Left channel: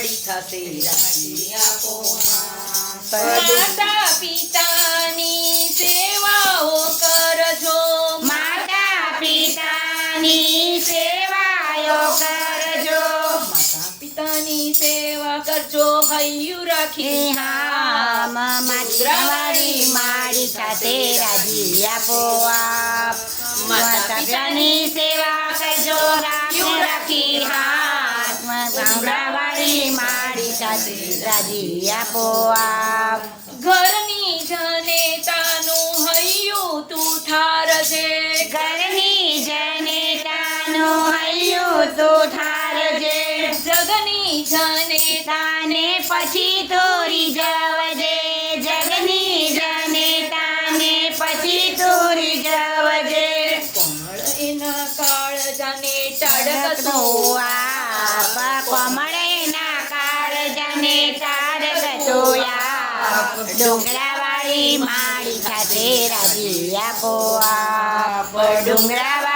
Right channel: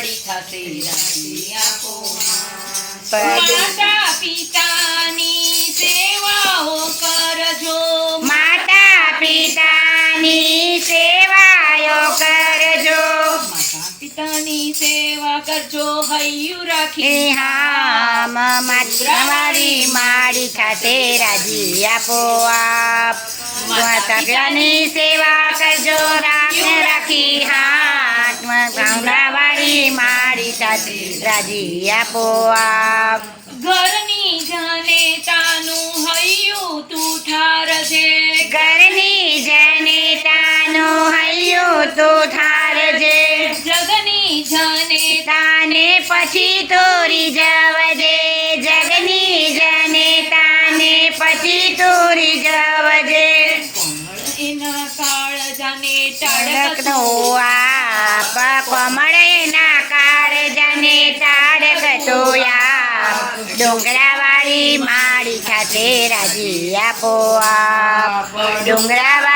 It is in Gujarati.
માડી થશે રાજી આપો માતા પિતાની સેવાઓ કરજો માતા પિતાની સેવાયો કરજો માતા પિતાની સેવા કરજો હૈયું રાખી હામ મારી માડી સાથે રાજી આપો આપ માતા પિતાની સેવા કરજો રાખી હાથ વાળી માડી સાથે રાજી આપો આપ ઘરની જનેતાનું હૈયું તું ઠારજે ઘરની જનેતાનું હૈયું તું ઠારજે જગની જનેતા તાને પછી તોરી જવજે જગની જનેતાને પછી તોરી જવજે કોમળ એના કાળ જાને ટડકતો ટાળકતો આપ કમળ એના કાળજાને તારકતો આપ ડુંગરાવાળી માડી સાથે રાજી આપો આપ ડુંગરાવાળી